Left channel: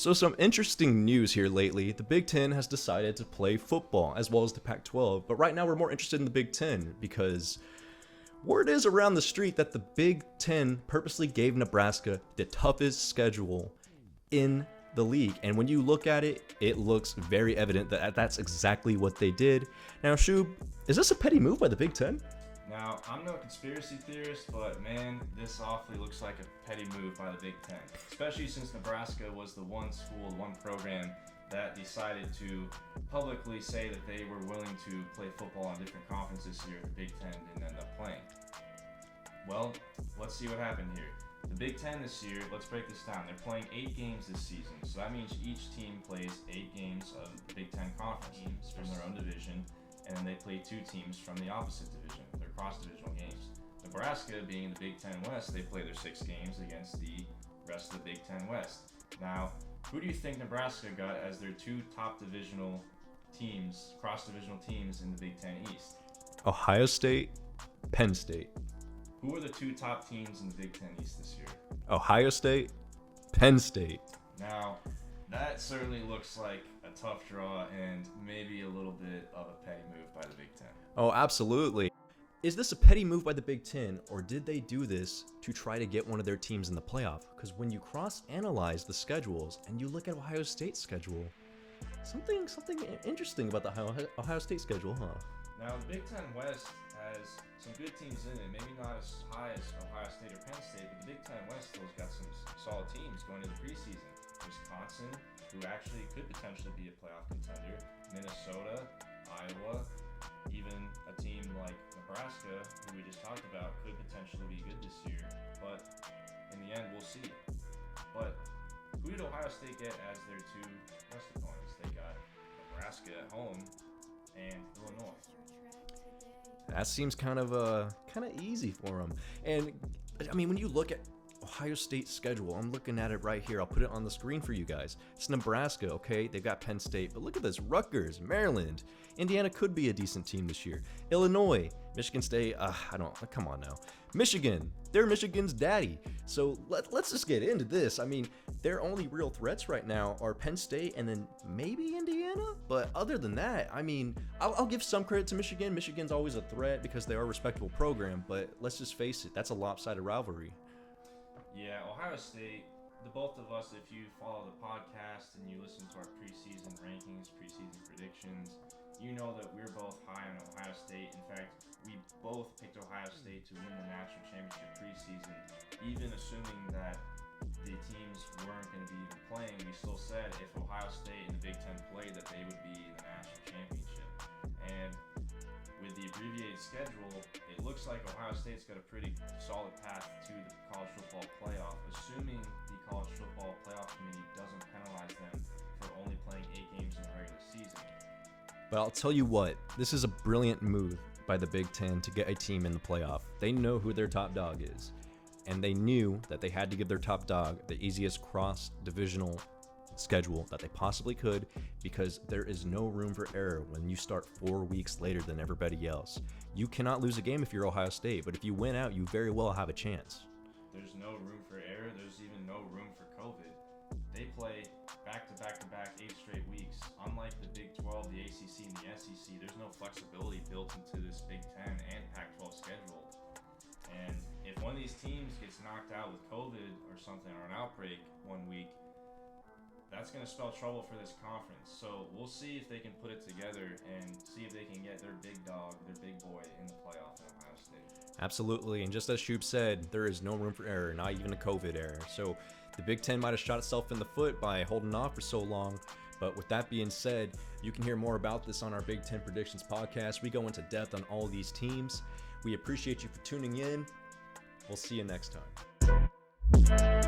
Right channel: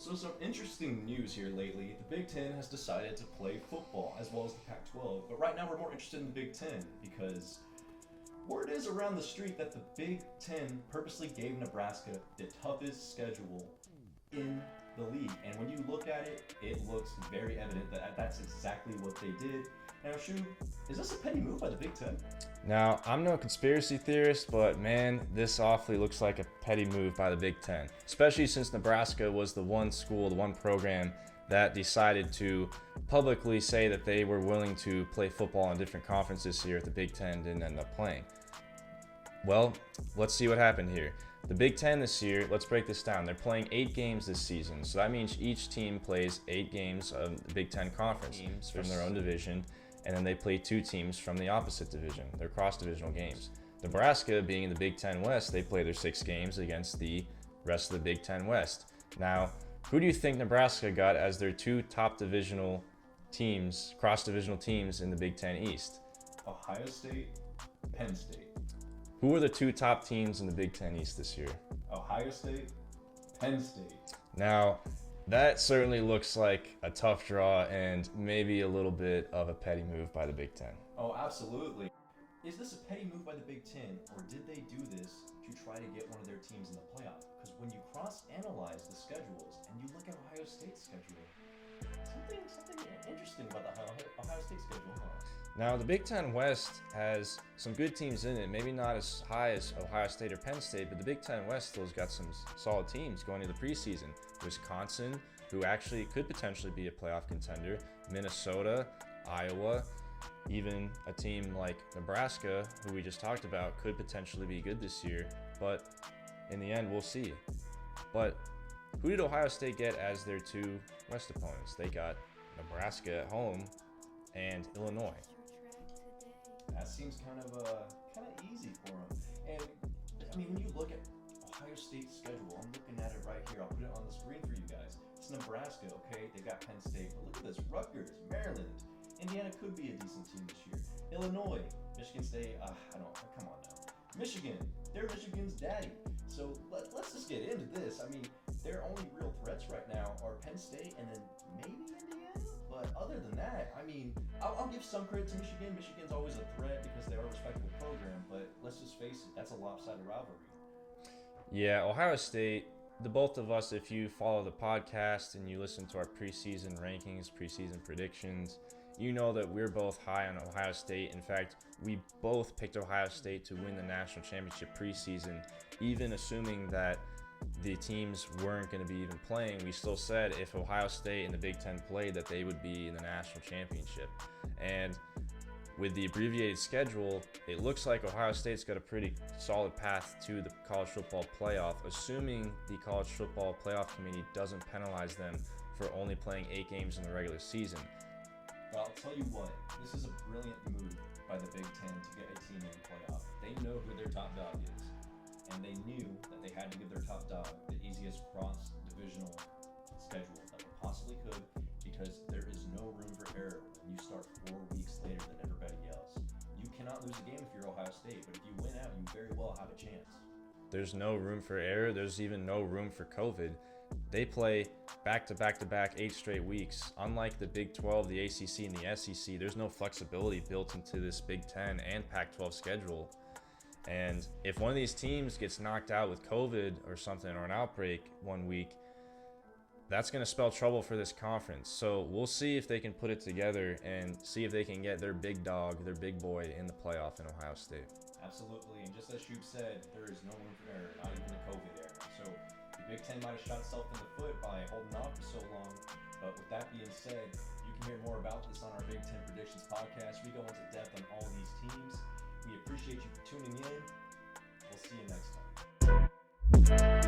So some interesting news here lately. The Big Ten has decided to play football as well as the Pac-12, but right now we're more interested in the Big Ten because word is around the street that the Big Ten purposely gave Nebraska the toughest schedule in the league. And when you look at it, it looks very evident that that's exactly what they did. Now, Shoob, is this a petty move by the Big Ten? Now, I'm no conspiracy theorist, but man, this awfully looks like a petty move by the Big Ten, especially since Nebraska was the one school, the one program that decided to publicly say that they were willing to play football in different conferences here if the Big Ten didn't end up playing. Well, let's see what happened here. The Big Ten this year, let's break this down. They're playing 8 games this season, so that means each team plays 8 games of the Big Ten conference teams from their own division, and then they play 2 teams from the opposite division. They're cross-divisional games. Nebraska, being in the Big Ten West, they play their 6 games against the rest of the Big Ten West. Now, who do you think Nebraska got as their 2 top divisional teams, cross-divisional teams in the Big Ten East? Ohio State, Penn State. Who are the 2 top teams in the Big Ten East this year? Ohio State, Penn State. Now, that certainly looks like a tough draw and maybe a little bit of a petty move by the Big Ten. Oh, absolutely. Is this a petty move by the Big Ten, or did they do this to try to get one of their teams in the playoff? Because when you cross-analyze the schedules and you look at Ohio State's schedule, something interesting about the Ohio State schedule, huh? Now, the Big Ten West has some good teams in it, maybe not as high as Ohio State or Penn State, but the Big Ten West still's got some solid teams going into the preseason. Wisconsin, who actually could potentially be a playoff contender, Minnesota, Iowa, even a team like Nebraska, who we just talked about, could potentially be good this year, but in the end, we'll see. But who did Ohio State get as their 2 West opponents? They got Nebraska at home and Illinois. That seems kind of easy for them. And I mean, when you look at Ohio State's schedule, I'm looking at it right here. I'll put it on the screen for you guys. It's Nebraska, okay? They've got Penn State, but look at this: Rutgers, Maryland. Indiana could be a decent team this year. Illinois, Michigan State. Come on now. Michigan, they're Michigan's daddy. So let's just get into this. I mean, their only real threats right now are Penn State and then maybe Indiana. But other than that, I mean, I'll give some credit to Michigan. Michigan's always a threat because they are a respectable program. But let's just face it, that's a lopsided rivalry. Yeah, Ohio State, the both of us, if you follow the podcast and you listen to our preseason rankings, preseason predictions, you know that we're both high on Ohio State. In fact, we both picked Ohio State to win the national championship preseason, even assuming that the teams weren't going to be even playing. We still said if Ohio State and the Big Ten played, that they would be in the national championship. And with the abbreviated schedule, it looks like Ohio State's got a pretty solid path to the college football playoff, assuming the college football playoff committee doesn't penalize them for only playing 8 games in the regular season. But I'll tell you what, this is a brilliant move by the Big Ten to get a team in the playoff. They know who their top dog is, and they knew that they had to give their top dog the easiest cross-divisional schedule that they possibly could, because there is no room for error when you start 4 weeks later than everybody else. You cannot lose a game if you're Ohio State, but if you win out, you very well have a chance. There's no room for error. There's even no room for COVID. They play back-to-back 8 straight weeks. Unlike the Big 12, the ACC, and the SEC, there's no flexibility built into this Big 10 and Pac-12 schedule. And if one of these teams gets knocked out with COVID or something, or an outbreak one week, that's going to spell trouble for this conference. So we'll see if they can put it together and see if they can get their big dog, their big boy in the playoff in Ohio State. Absolutely. And just as Shoob said, there is no room for error, not even a COVID error. So the Big Ten might have shot itself in the foot by holding off for so long. But with that being said, you can hear more about this on our Big Ten Predictions podcast. We go into depth on all these teams. We appreciate you for tuning in. We'll see you next time.